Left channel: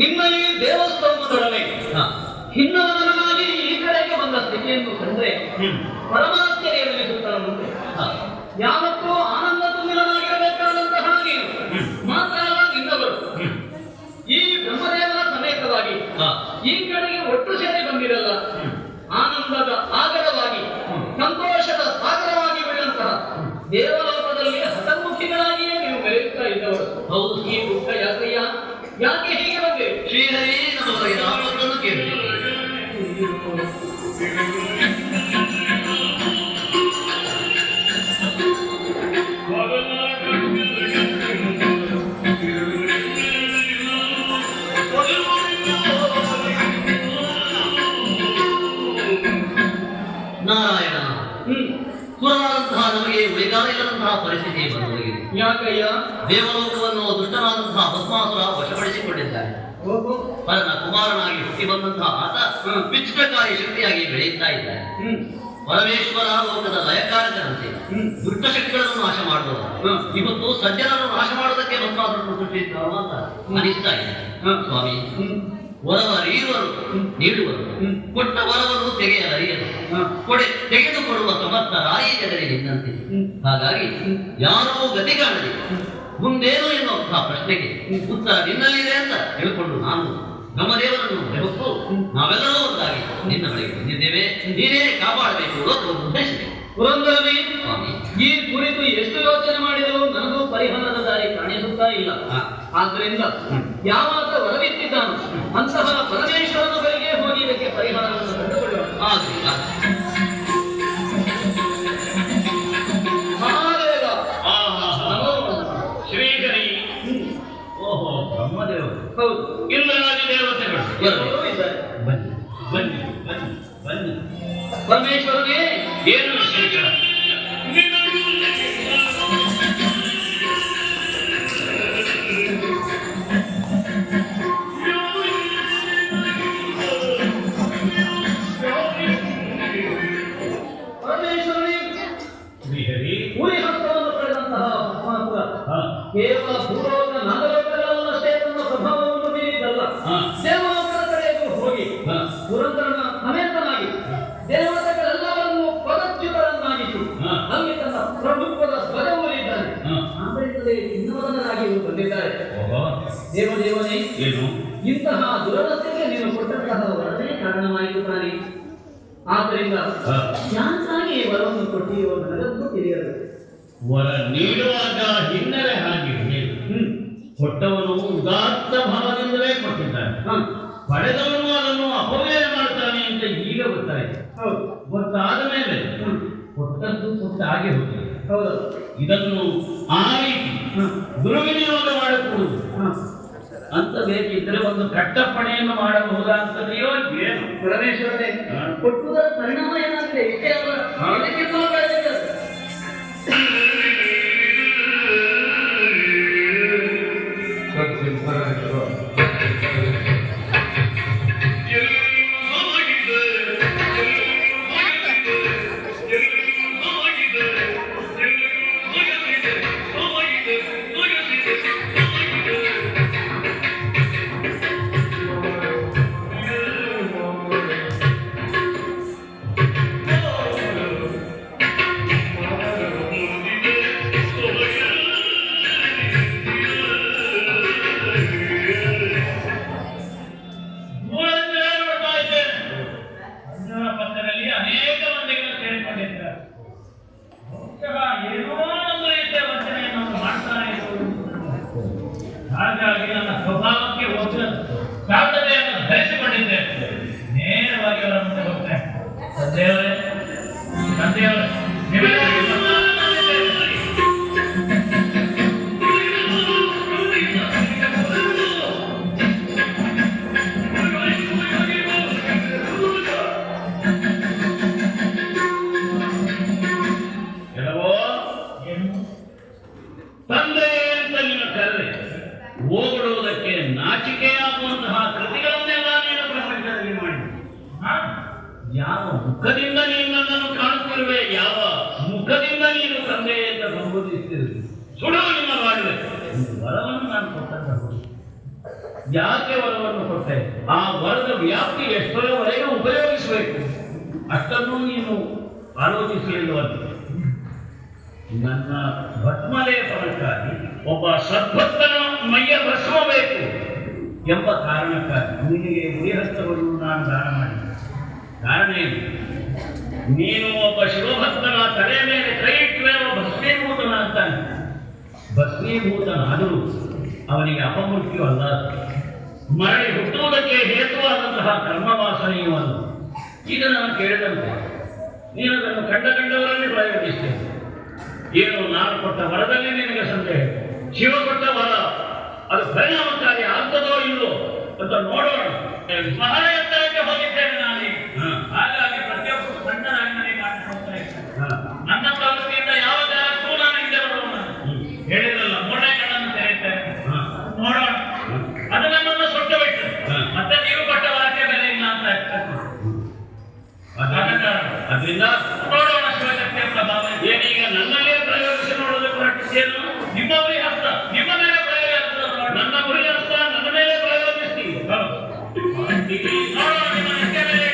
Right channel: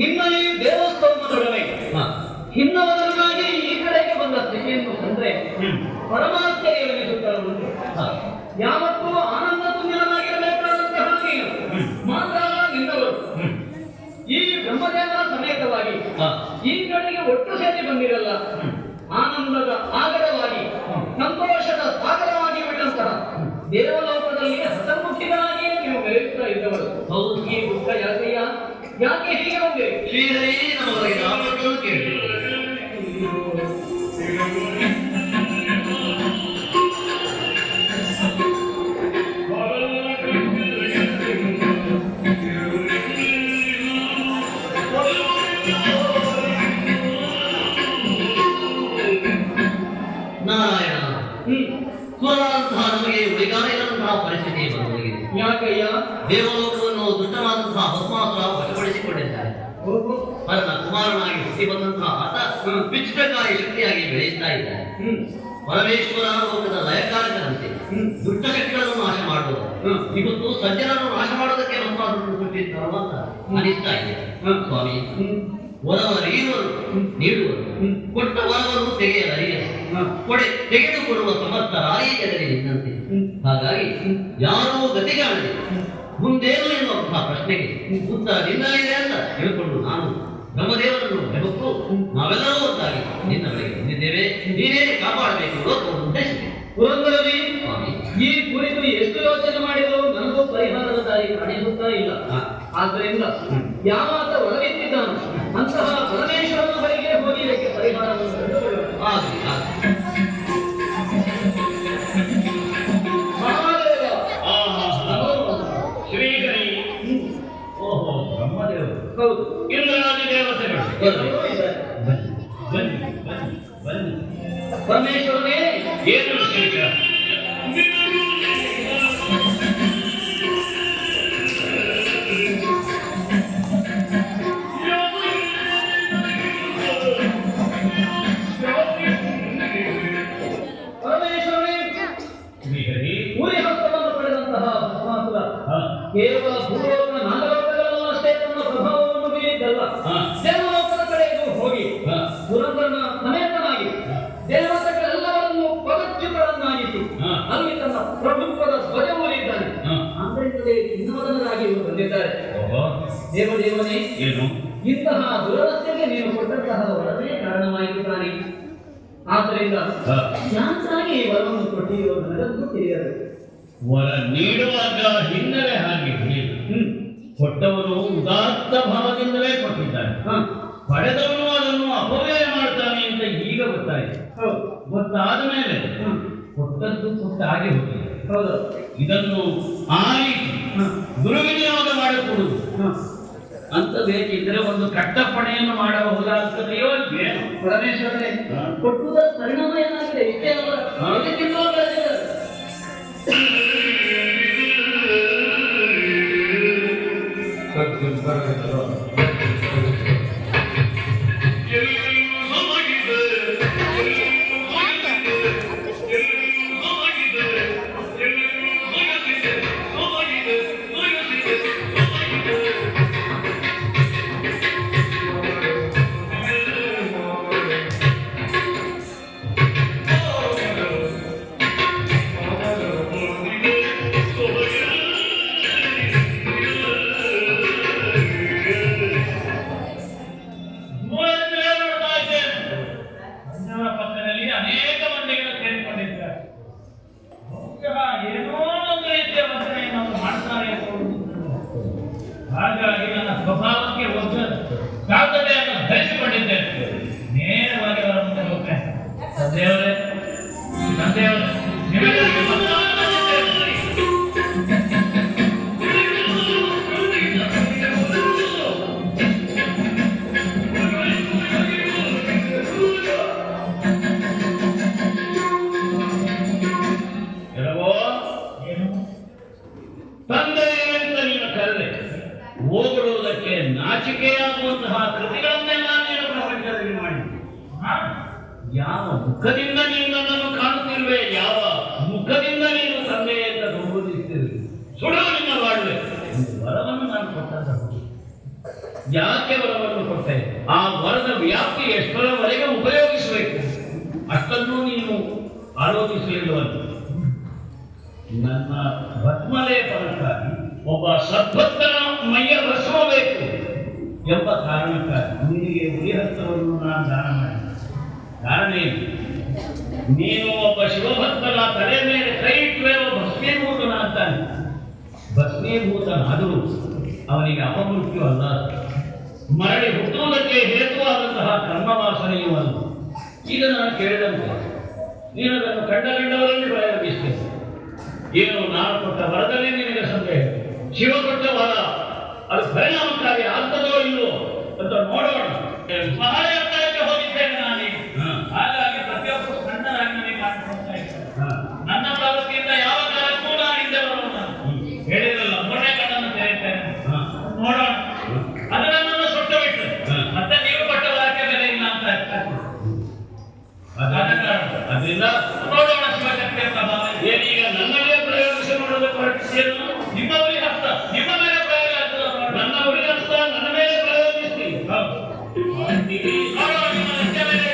ನಿಮ್ಮ ಈ ದೇವಸ್ಥಾನದೊಡನೆ ಹಿನ್ನವನಾಗಿ ಈ ಕಡೆಗೆ ಬಂದ ಸ್ಥಿತಿಯನ್ನು ಕಂಡ್ರೆ ಪರಮಾತ್ಮನಿಸುತ್ತದೆ. ಯಾವತ್ತೂ ಆನಂದ ತುಂಬಿನಾಗಿರಬೇಕಾದಂತಹ ನೀನು ಮಾತ್ರ ನಿನ್ನವರು ಈ ಬ್ರಹ್ಮದೇವರ ಸಮೇತವಾಗಿ ಈ ಕಡೆಗೆ ಒಟ್ಟು ಸೇರಿ ಬಂದಿರಲ್ಲ. ಆನಂದದ ಆಗರವಾಗಿ ಸಂತೋಷದ ಸಾಗರವಾಗಿ ಬಿಟ್ಟಂತಹ ದೇವಲೋಕದಲ್ಲಿ ಹತಮುಖಿಗಳಾಗಿಯೇ ನೀವು ಮೆರೆಯುತ್ತಾ ಇದ್ದವರು. ಹೌದು, ಈ ದುಃಖ ಯಾಕೆಯ ಯಾಕೆ ಹೀಗೆ ಬಂದೆ? ಶ್ರೀಹರಿ ನಮಗೆ ನಾಮವನ್ನು ಕೇಳಿ ನಾರಾಯಣ ಕುಲದಂತಹ ನಮಗೆ ಬೇಕಾಗಿರುವಂತಹ ಪರಿಸ್ಥಿತಿ ಬರುವುದಿದೆ. ಯಾಕಯ್ಯ? ದೇವಲೋಕವನ್ನು ದುಷ್ಟನಾದಂತಹ ಭಸ್ಮಾಸುರ ವಶಪಡಿಸಿಕೊಂಡಿದ್ದಾರೆ. ಪರನ ಕುಮಾರನಾಗಿ ಹುಟ್ಟಿ ಬಂದಂತಹ ಆತ ವಿಚಿತ್ರಕಾರಿ ಶಕ್ತಿಯಾಗಿ ಬೆಳೆಯುತ್ತಾ ಇದ್ದಾರೆ. ಪರಮೇಶ್ವರ ಲೋಕದ ಲಯಕಾರಕರಂತೆ ದುಷ್ಟ ಶಕ್ತಿಗಳನ್ನು ನಾಶ ಮಾಡುವುದು ಇವತ್ತು ಸಜ್ಜನನ್ನು ನಾಶ ಮಾಡುವುದಕ್ಕೆ ಭಸ್ಮಾಸುರನ್ನು ಕೊಟ್ಟಿದ್ದಾರು ಅಂತ ಅನಿಸ್ತಾ ಇದೆ. ಸ್ವಾಮಿ, ವರವರೀವರು ನೀಡುವರು, ಕೊಟ್ಟ ವರವನ್ನು ತೆಗೆಯಲರಿಯರು, ತೆಗೆದುಕೊಡುವ ಸಮರ್ಥ ರಾಯಿಯಲ್ಲಿ ನಿನ್ನಂತೆ. ಹಾಗಾಗಿ ಯಾರೂ ಗತಿ ಕಾಣಲಿ, ಮುಂದೇನು ಎನ್ನುವಂತಹ ಪ್ರಶ್ನೆಗೆ ಉತ್ತರ ನಿನ್ನಲ್ಲಿದೆ ಅಂತ ತಿಳ್ಕೊಂಡು ನಾನು ಬ್ರಹ್ಮದೇವರನ್ನು ಹೊತ್ತು ನಾವೆಲ್ಲರೂ ಒಂದಾಗಿ ನಿನ್ನ ಬಳಿಗೆ ಬಂದಿದ್ದೇವೆ. ನೀನೇ ಕಾಪಾಡಬೇಕು ಅನ್ನೋದು ಉದ್ದೇಶಿದೆ. ಪುರಂದರವಿ, ಈ ಕುರಿತು ಎಷ್ಟು ಯೋಚನೆ ಮಾಡಿದರೂ ನನಗೂ ಪರಿಹಾರದ ದಾರಿ ಕಾಣಿಸುತ್ತಾ ಇಲ್ಲ. ಆದ್ದರಿಂದ ಯಾವಾಗ ಒಲವಿತ್ತಿದ್ದಾನು ಅಂತಹ ಪರಮೇಶ್ವರನ ಬಳಿಗೆ ಹೋಗಿ ಇದಕ್ಕೆ ಪರಿಹಾರವನ್ನು ಕಂಡುಕೊಳ್ಳೋಣ. ಮಹಾದೇವ, ಶ್ರೀಗಣಿ, ಓಹೋ ಬ್ರಹ್ಮದೇವರು, ಹೌದು, ಇಂದ್ರಾದಿ ದೇವತೆಗಳು ಬನ್ನಿ ಬನ್ನಿ ಬನ್ನಿ ಬನ್ನಿ. ಪರಮೇಶ್ವರನೇ, ಏನು ವಿಶೇಷ? ಕೇವಲ ಭೂಲೋಕ ನಾಗಲೋಕಗಳನ್ನಷ್ಟೇ ತನ್ನ ಪ್ರಭಾವವನ್ನು ಬೀರಿದ್ದಲ್ಲ, ದೇವಲೋಕದ ಕಡೆಗೂ ಹೋಗಿ ಪುರಂದರನ ಸಮೇತನಾಗಿ ದೇವತೆಗಳೆಲ್ಲವರನ್ನು ಪದಚ್ಯುತರನ್ನಾಗಿಸಿ ಅಲ್ಲಿ ತನ್ನ ಪ್ರಭುತ್ವದ ಧ್ವಜ ಊರಿದ್ದಾನೆ. ಆದ್ದರಿಂದಲೇ ಚಿನ್ನಮದನರಾಗಿ ಬಂದಿದ್ದಾರೆ. ದೇವದೇವನೇ, ಇಂತಹ ದುರವಸ್ಥೆಗೆ ನೀನು ಕೊಟ್ಟಂತಹ ವರದೇ ಕಾರಣವಾಯಿತು ತಾನೆ. ಆದ್ದರಿಂದ ಶಾಂತಾಗಿ ವರವನ್ನು ಕೊಟ್ಟಿರುವ ನನಗಂತೂ ತಿಳಿಯಬೇಕು. ವರ ನೀಡುವಾಗ ಹಿನ್ನೆಲೆ ಹಾಗೆ ಕೊಟ್ಟವನು ಉದಾತ್ತ ಭಾವದಿಂದಲೇ ಕೊಟ್ಟಿದ್ದಾನೆ, ಪಡೆದವನು ಅದನ್ನು ಅಪವ್ಯಯ ಮಾಡ್ತಾನೆ ಅಂತ ಈಗ ಗೊತ್ತಾಯಿತು. ಗೊತ್ತಾದ ಮೇಲೆ ಕೊಟ್ಟದ್ದು ಕೊಟ್ಟ ಹಾಗೆ ಹೋಗ್ತದೆ. ಹೌದು, ಇದನ್ನು ಆ ರೀತಿ ದುರ್ವಿನಿಯೋಗ ಮಾಡಿಕೊಡುವುದು ಅಂತ ಬೇಕಿದ್ರೆ ಒಂದು ಕಟ್ಟಪ್ಪಣೆಯನ್ನು ಮಾಡಬಹುದಾಗ್ತದೆಯೋ ಏನು? ಪರಮೇಶ್ವರನೇ, ಕೊಟ್ಟುವುದರ ಪರಿಣಾಮ ಏನಾಗಿದೆ? ಇಷ್ಟೇ ಅಲ್ಲ, ಹಾಗಾಗಿ ನನ್ನ ಸ್ವಭಾವಕ್ಕೆ ಒಂದು ಸಾಧ್ಯತೆಯನ್ನು ಧರಿಸಿಕೊಂಡಿದ್ದೇನೆ. ನೇರವಾಗಿ ಅವರನ್ನು ಹೋಗ್ತೇನೆ. ತಂದೆಯವರೇ, ತಂದೆಯವರೇ, ನಿಮಗೆ ನಾಚಿಕೆಯಾಗುವಂತಹ ಕೃತಿಗಳನ್ನೆಲ್ಲ ನೀನು ಪ್ರಪಂಚದಲ್ಲಿ ಮಾಡಿ ಯಾವ ಮುಖದಿಂದ ನೀನು ನನ್ನನ್ನು ಕಾಣುತ್ತಿರುವೆ, ಯಾವ ಮುಖದಿಂದ ನೀನು ತಂದೆ ಅಂತ ಸಂಬೋಧಿಸುತ್ತಿರುವೆ, ಸುಡುವ ನಿನ್ನ ಮಾಡುವೆ. ವರವನ್ನು ನಾನು ಕೊಟ್ಟದ್ದು ಯಾಕೆ ವರವನ್ನು ಕೊಟ್ಟೆ? ಆ ವರದ ವ್ಯಾಪ್ತಿ ಎಷ್ಟರವರೆಗೆ ಉಪಯೋಗಿಸಬೇಕು ಅಷ್ಟನ್ನು ನೀನು ಆಲೋಚಿಸಲಿಲ್ಲವಲ್ಲ. ನನ್ನ ಭಸ್ಮಲೇಪನಕ್ಕಾಗಿ ಒಬ್ಬ ಸದ್ಭಕ್ತನ ಮೈಯ ಭಸ್ಮ ಬೇಕು ಎಂಬ ಕಾರಣಕ್ಕಾಗಿ ನಿನಗೆ ಉಳಿಹಸ್ತವನ್ನು ನಾನು ದಾನ ಮಾಡಿದೆ. ಕಾರಣ ಏನು? ನೀನು ಒಬ್ಬ ಶಿವಭಕ್ತನ ತಲೆ ಮೇಲೆ ಕೈ ಇಟ್ಟರೆ ಭಸ್ಮೀಭೂತನ ಅಂತಾನೆ. ಭಸ್ಮೀಭೂತನಾದರೂ ಅವನಿಗೆ ಅಪಮೃತ್ಯು ಅಲ್ಲ, ಮರಳಿ ಹುಟ್ಟುವುದಕ್ಕೆ ಹೇತುವಾದಂತಹ ಕರ್ಮವಾಸನೆಯೂ ಅಲ್ಲ. ಈಗ ನಾನು ಕೇಳಿದಂತೆ ನೀನು ಅದನ್ನು ಕಂಡವರಲ್ಲಿ ಪ್ರಯೋಗಿಸ್ತೇನೆ. ಏನು ನಾನು ಕೊಟ್ಟ ವರದಲ್ಲಿ ನಿನಗೆ ಸಂದೇಹ? ಶಿವ ಕೊಟ್ಟ ವರ ಅದು ಪರಿಣಾಮಕಾರಿ ಆಗ್ತದೋ ಇಲ್ಲೋ ಅಂತ ನೋಡೋಣ. ಮಹಾಯಂತ್ರಕ್ಕೆ ಹೋಗಿದ್ದೇನೆ ನಾನು. ಹಾಗಾಗಿ ಪ್ರತಿಯೊಬ್ಬರು ಸಣ್ಣರಾಗಿ ಮನೆ ಮಾಡಿಕೊಡ್ತಾ ಇದ್ದಾರೆ. ನನ್ನ ಪ್ರವೃತ್ತಿಯಿಂದ ಯಾವ ಕಾಲಕ್ಕೂ ನಾನು ಹಿಂದೆ ಬರೋಣ. ಹೇಳಿರಲ್ಲ ಮೂರನೇ ಕಣ್ಣನ್ನು ತೆರೆಯುತ್ತೇನೆ, ನೋಡೋಣ. ಅದು ನನ್ನನ್ನು ಸುಟ್ಟು ಬಿಟ್ಟು ಮತ್ತೆ ನೀವು ಕೊಟ್ಟ ವಾಕ್ಯ ಬೆಲೆ ಇಲ್ಲ ಅಂತ ಅದರಿಂದ ನೋಡೋಣ ಶಿವಶಕ್ತಿಯ ಪ್ರಭಾವ ಏನೀಗ ನನ್ನಲ್ಲೇ ಪ್ರಯೋಗಿಸಿ ನೋಡಬೇಕು. ಹೊರಟಿಸಿಯನ್ನು ನಿಮ್ಮ ಗುರಿ ಹಸ್ತ ನಿಮ್ಮ ಮೇಲೆ ಪ್ರಯೋಗ ಆಗ್ತದೆ. ನನ್ನ ಗುರಿ ಹಸ್ತ ನನ್ನ ಮೇಲೆ ಪ್ರಯೋಗಿಸ್ತೀವಿ. ನೋಡೋಣ ನಿಮ್ಮ ನಿತ್ಯ ಮೇಲೆ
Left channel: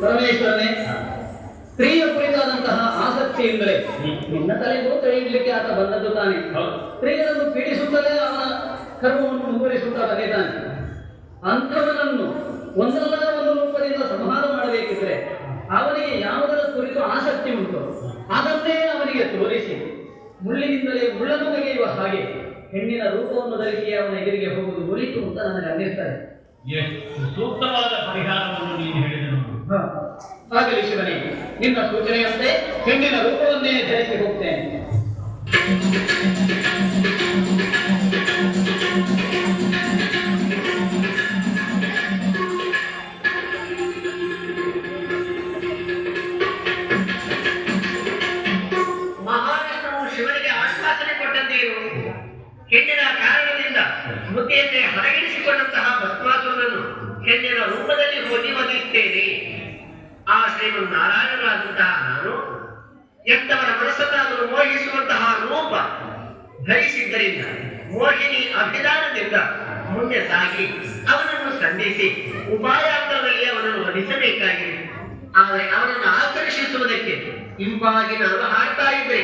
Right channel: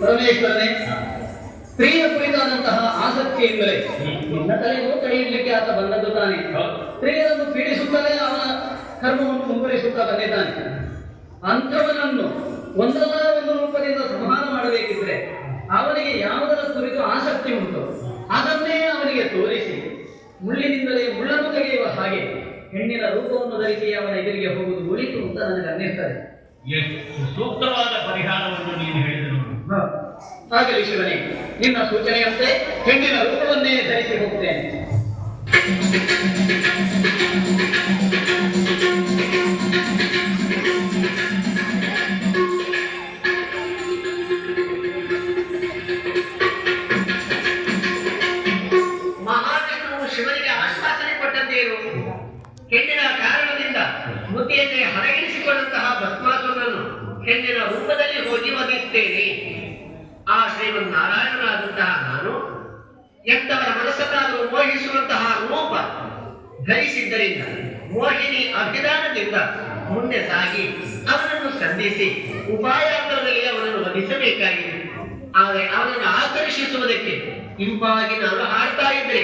ಪರಮೇಶ್ವರನೇ, ಸ್ತ್ರೀಯ ಕುರಿತಾದಂತಹ ಆಸಕ್ತಿಯಿಂದಲೇ ನಿನ್ನ ತಲೆಗೂ ಕೈ ಇಡ್ಲಿಕ್ಕೆ ಆತ ಬಂದದ್ದು ತಾನೆ. ಸ್ತ್ರೀಯರನ್ನು ಪೀಡಿಸುತ್ತಲೇ ಅವನ ಕರ್ಮವನ್ನು ಮುಂದುವರಿಸುತ್ತಾ ಬಂದಿದ್ದಾನೆ. ಅಂಥವನನ್ನು ಒಂದಲ್ಲ ಒಂದು ರೂಪದಿಂದ ಸಂಹಾರ ಮಾಡಬೇಕಿದ್ರೆ ಅವನಿಗೆ ಯಾವುದರ ಕುರಿತು ಆಸಕ್ತಿ ಉಂಟು ಅದನ್ನೇ ಅವನಿಗೆ ತೋರಿಸಿ ಮುಳ್ಳಿನಿಂದಲೇ ಮುಳ್ಳನ್ನು ತೆಗೆಯುವ ಹಾಗೆ ಹೆಣ್ಣಿನ ರೂಪವನ್ನು ಧರಿಸಿ ಅವನ ಎದುರಿಗೆ ಹೋಗುವುದು ಉಳಿತು ಅಂತ ನನಗೆ ಅನ್ನಿಸ್ತದೆ. ಎಷ್ಟು ಸೂಕ್ತವಾದ ಪರಿಹಾರವನ್ನು ನೀನು ಹೇಳಿದನು. ಆಗಲಿ ಶಿವನೇ, ನಿನ್ನ ಸೂಚನೆಯಂತೆ ಹೆಣ್ಣಿನ ರೂಪವನ್ನೇ ಧರಿಸಿ ಹೋಗ್ತೇನೆ. ಮಹಾವಿಷ್ಣುವು ಶಿವನಿಗೆ ಆಶ್ವಾಸನೆ ಕೊಟ್ಟಂತೆಯೂ ಹೆಣ್ಣಿನ ಕಾರಣದಿಂದ ಮುದ್ದೆಯನ್ನೇ ಹಣಗಿರಿಸಿಕೊಂಡಂತಹ ಭಸ್ಮಾಸುರನನ್ನು ಹೆಣ್ಣಿನ ರೂಪದಲ್ಲಿ ಹೋಗಿ ಒದಗಿಸುತ್ತೇನೆ. ಆ ಶ್ರೀಮನ್ನಾರಾಯಣನಾದಂತಹ ನಾನು ಎಂತವರ ಮನಸ್ಸನ್ನಾದರೂ ಮೋಹಿಸುವಂತಹ ರೂಪ ಧರಿಸಿದ್ದರಿಂದ ಮೋಹಿನಿ ಅಭಿಧಾನದಿಂದ ಮುಂದೆ ಸಾಗಿ ಅವನನ್ನು ಸಂಧಿಸಿ ಉಪಾಯಾಂತರದಲ್ಲಿ ಅವನನ್ನು ವಧಿಸಬೇಕಾಗಿದೆ. ಆದರೆ ಅವನನ್ನು ಆಕರ್ಷಿಸುವುದಕ್ಕೆ ಇಂಪಾಗಿ ನಾನು ಹಾಡ್ತಾ ಇದ್ದರೆ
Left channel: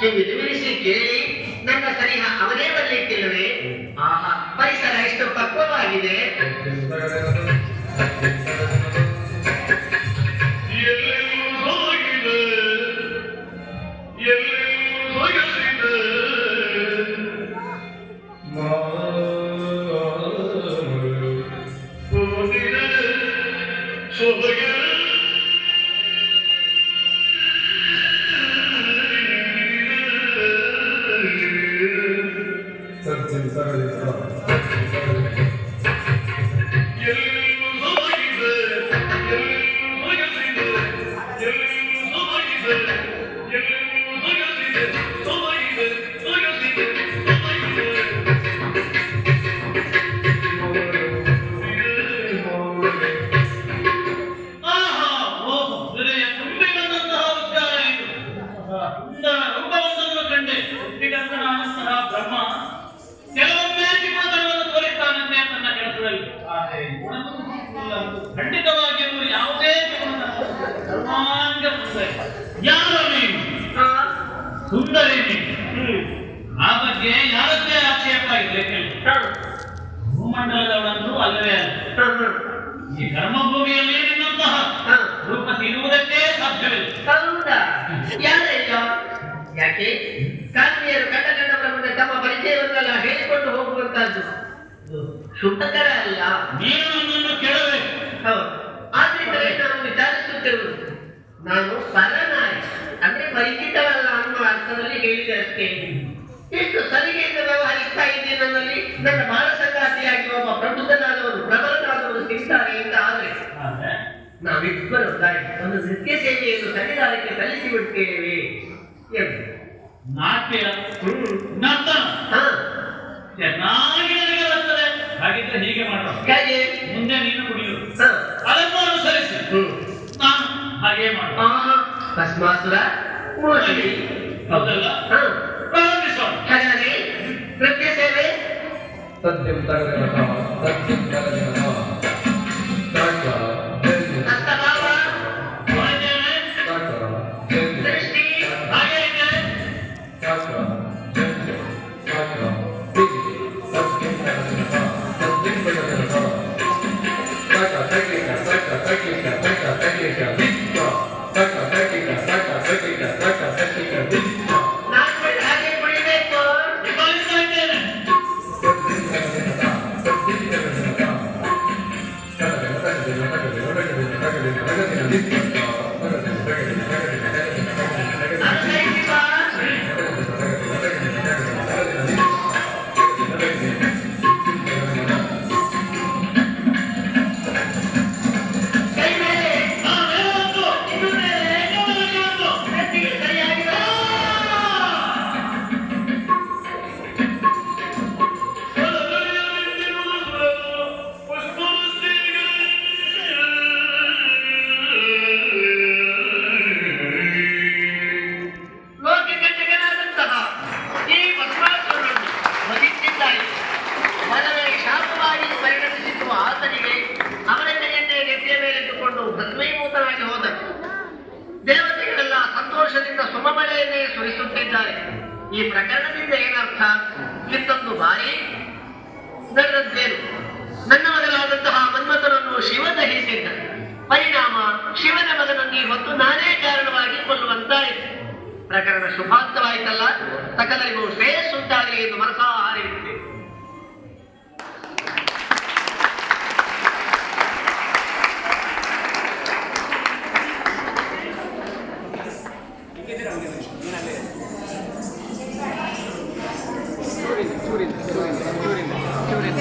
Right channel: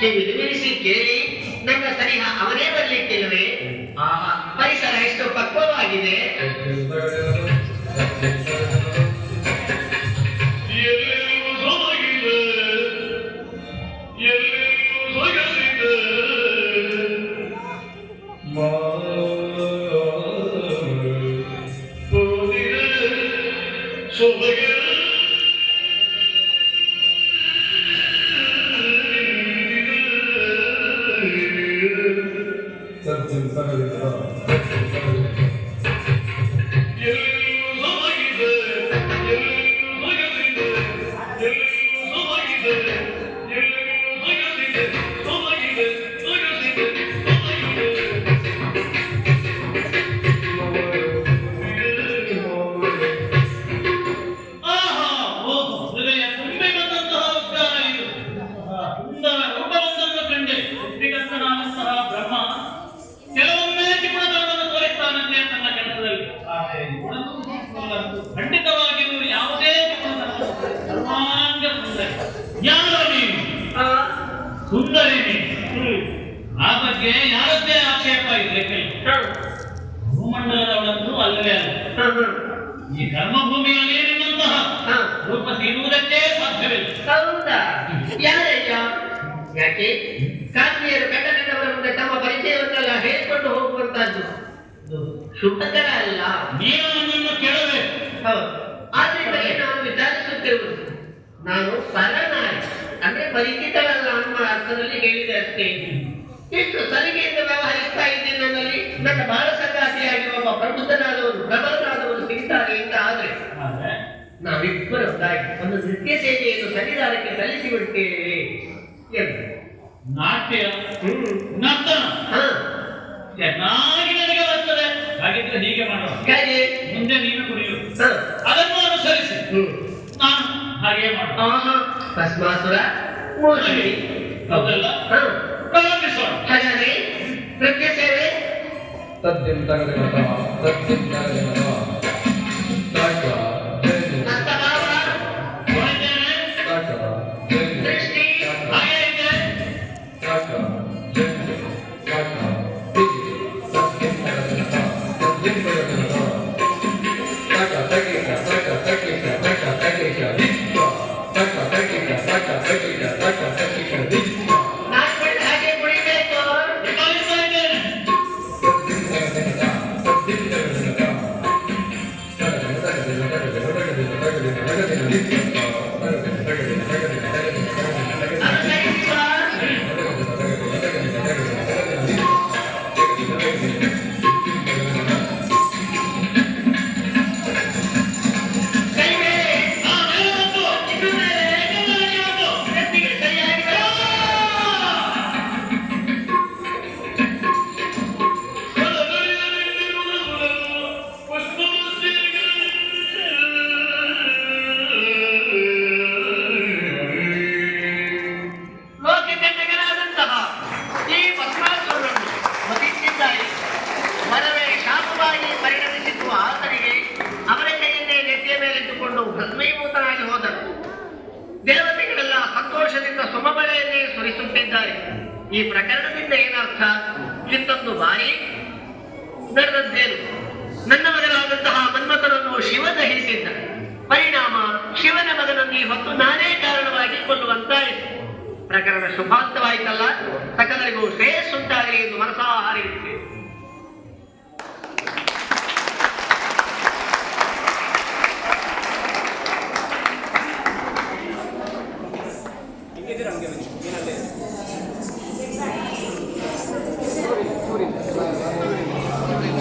ಕಿವಿಲಿಸಿ ಕೇಳಿ ನನ್ನ ಸರಿಹ ಅವನೇ ಬರಲಿಕ್ಕಿಲ್ಲವೇ? ಆ ಪರಿಸರ ಎಷ್ಟು ಪಕ್ವವಾಗಿದೆ. ಖಂಡಿತವಾಗಿ ಯಾವುದೇ ಸುಂದರಿ ಆ ಬಗ್ಗೆ ಯಾರದ್ದೇ ಆಕ್ಷೇಪ ಇದೆ. ಭೂಮಂಡಲದವಳಂತೂ ಅಲ್ಲವೇ ಅಲ್ಲ. ಈ ಕರ್ಮಭೂಮಿಯಲ್ಲಿ ನಿನ್ನಂತಹ ರೂಪ ಸಿಗುವುದಕ್ಕೆ ಸಾಧ್ಯವಿಲ್ಲ. ಹೌದಾ? ಯಾಕೆ ಕಾಶ್ಮೀರ ಕಂಡ ಮುಂದೆ ತಮ್ಮ ಪರಿಚಯವನ್ನೆಲ್ಲ ಹೇಳಿಕೊಂಡು ಹೋಗುವಂತ ಮಾಡುವಂತದ್ದು ಶುಭಕರ ಅಲ್ಲ. ನೀನು ನನ್ನನ್ನು ಕೇಳಬೇಕು. ಹೌದು. ಆದ್ರಿಂದಲೇ ನಾನು ವಿಚಾರಿಸುತ್ತಿರುವುದು. ನಾನು ಸರನಾಗಿ ಅಂದ್ರೆ ಪರಿಚಿತವಲ್ಲ ಅನ್ನುವ ಅರ್ಥದಲ್ಲಿ ಹೇಳಿದೆ ಅಷ್ಟೇ. ಇಷ್ಟು ಸಲಿಗೆಯಿಂದ ವ್ಯವಹರಿಸ್ತಾ ಇದ್ದೇನೆ. ನನ್ನಲ್ಲಿ ನನ್ನ ಬಾಳ ಸಂಗಾತಿಯಾಗಿ ಒಬ್ಬ ಪ್ರಬುದ್ಧನಾದವರು ಪ್ರಬಲನಾದವರು ಸಿಗ್ತಾರೆ ಅಂತ ಆದ್ರೆ ನಾವಿಬ್ಬರೊಂದಾಗಿ ಒಂದು ನೃತ್ಯ ಸೇವೆಯನ್ನು ಸಂವಿಧಾನಕ್ಕೆ ಸಲ್ಲಿಸಿ ಬಿಡ್ತೇವೆ ಎಂದು. ನಾಟ್ಯ ನರ್ತನ ಚೆನ್ನಾಗಿ ನನಗೆ ಬರ್ತದೆ. ಹಾಗಿದ್ರೆ ಹೀಗೆ ಮಾಡೋಣ. ಹೇಗೆ? ಮುಂದೆ ನೀನು ಕುಡಿಯು, ಅದನ್ನು ಅನುಸರಿಸಿ ನಾನು ಹಾಗೆ ಮಾಡೋಣ. ಭಸ್ಮಾಸುರ ಮೋಹಿನಿ. ಹೌದಲ್ಲ? ಪ್ರಾರಂಭಿಸೋಣ. ಹಾಗಾಗಿ ನೃತ್ಯ ಸೇವೆ ಸದ್ಯಂ ತಗದನತ ಸದ್ಯಂ ತಗದನತ ತಾಕ ಹಸ್ತಭಾವ ಹೊರಗೇನೆ ತಾಕ ದೃಷ್ಟಿ ಹಾಗೆ ಇದೆ. ತಾಕ ಜಂಜೆ ತಾಕ ತಿಂಜೆ ಸದ್ಯಂ ತಗದನತ ಸದ್ಯಂ ತಗದನತ ತಾಕ ತಗ್ಲಿಕ ತಾಕ ತಗ್ಲಿಕ ತಾಕ ತಗ್ಲಿಕ ದಿಕ್ಕ ತಾಕ ತಗ್ಲಿಕ ತಾಕ ತಗ್ಲಿಕ ತಾಕ ತಗ್ಲಿಕ ದಿಕ್ಕ ನಾಲ್ಕು ಹಾಗೆ ಕುಡಿಬೇಕು. ನಿಭಾಯಿಸ್ತಾ ಇದ್ದೇನೆ. ಲೋಕಕಂಟಕನಾದಂತಹ ಈ ಭಸ್ಮಾಸುರನನ್ನು ವಧಿಸಿದ್ದಾರೆ. ವರವೇ ಶಾಪವಾಗಿ ಪರಿಣಮಿಸಿರುವ ಆತನಿಗೆ ಅವರ ಕೈಯನ್ನೇ ನೆತ್ತಿಯ ಮೇಲೆತ್ತುಕೊಂಡು ಭಸ್ಮೀಭೂತನಾಗಿ ಹೋದನು. ದೇವತೆಗಳೆಲ್ಲ ಸಂತೋಷದಿಂದ ಸುಮಮಳೆಯನ್ನೇ ಸುರಿಸುತ್ತಿದ್ದಾರೆ. ಈ ಪ್ರಕರಣದಿಂದ ಏನರ್ಥ? ಇಂದೊಂದು ಬಾರಿ ನಡೆದದ್ದೇನು? ನನ್ನ ಮಗನಾದಂತಹ ಮನ್ಮಥನನ್ನು ಶಿವ ದಹಿಸಿದ್ದ ಪರಿಣಾಮ ಶಿವನ ಮಗನನ್ನು ಹೊತ್ತು ನಾನೇ ಕಾರಣವಾಗಿ ಕೊಲ್ಲುವಂತಾಯಿತು. ಪ್ರಕರಣ ಶುಭಾಂತವಾಯಿತಲ್ಲ. ಸಕಲರಿಗೂ ಶ್ರೇಯಸ್ಸುಂಟಾಗಲಿ ಎಂದು ಮನಸಾ ಹಾರೈಸಿದೆ.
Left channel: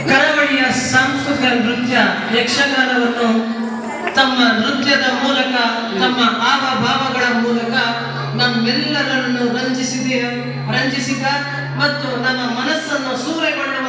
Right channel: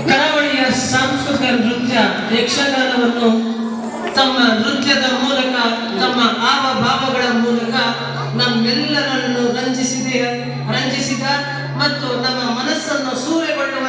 ಕರಾವಳಿಯ ಸಾಂಸ್ಕೃತಿಕ ನೃತ್ಯ ಯಕ್ಷಗಾನವನ್ನು ತಮ್ಮ ನೃತ್ಯದ ಮೂಲಕ ತಮ್ಮ ಹಾವಭಾವಗಳ ಮೂಲಕ ನಮ್ಮೆಲ್ಲರನ್ನು ರಂಜಿಸಿದ ಮತ್ತು ನಮ್ಮ ಮನಸ್ಸನ್ನು ಸೂರೆಗೊಳ್ಳುವಂತ